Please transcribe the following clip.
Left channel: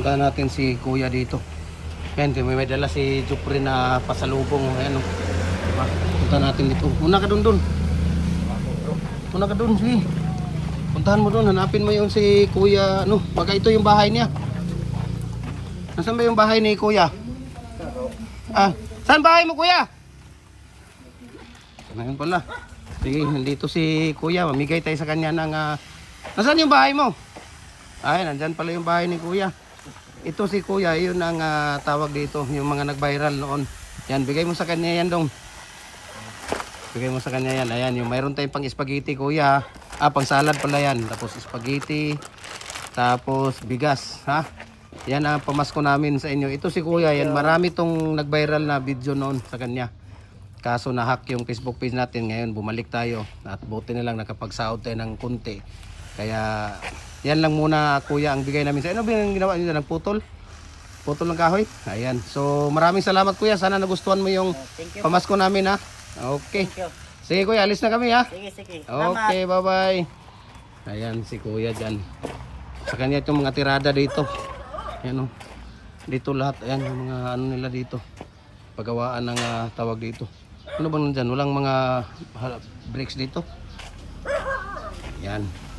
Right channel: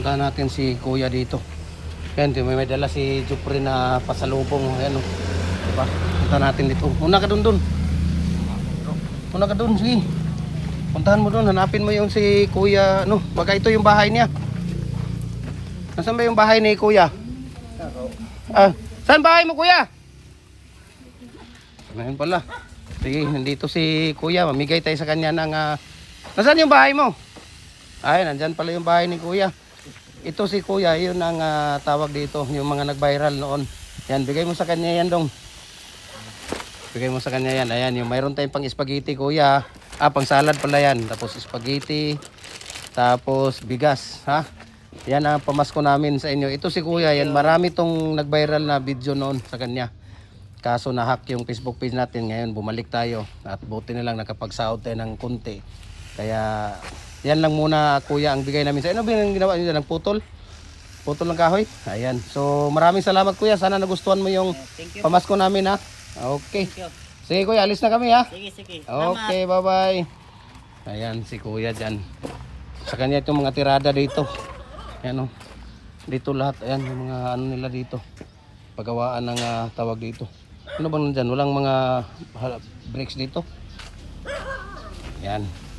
Punta natin si kuya dito. Ayan, may dala si Jupri na pasalubong. Ayan, diba? Punta natin dito. Muna ka dun. Muna ka dun, sige. Puntahan mo dun, hanapin mo yung si kuya. Ano, baka ito yung bahay niya. Nasaan ba yung bahay ni kuya? Saan bahay mo kuya? Ngayon pala. Sige, nandito si kuya. Mamigay tayo sa kanya ng... Nasaan yung bahay mo? Ay, nandyan pala yung bahay ni kuya. Ito si kuya, yun ang tawag dito. Yung mga nag-viral noon. Yan, bigay mo sa kanya yan dong. Bigay mo sa kanya yan. Ayan, yung mayroon tayong pang spaghetti kuya. Pang salad pala yan. Tapos spaghetti. Tapos bigas. Ha? Yan ang pamasko namin sa inyo. Ito si kuya, yan. Marami tong nag-viral na video noon sa kanya. Kaso na-hack yung Facebook page natin. Ngayon bumalik tayo. At buti na lang nakapag-sahod tayo ng konti. Kaya yan lang muna kuya ang bigay namin sa inyo. Ano ba yung ginawa nyo? Nagputol? Putol ng kahoy? Ayan. So maraming salamat kuya. Sana nagustuhan mo yung pamasko namin ha. Okay. Sige kuya, alis na kami ha. Sige. Okay, bye bye. Ayan si kuya dyan. Sa kanya itong mga tirada dito. Ayan o. Dito lahat. Ayan yung mga ano nila dito. Pagawaan ng tawag dito. Ano bang nandyan? Walang mga breaks dito. Ayan.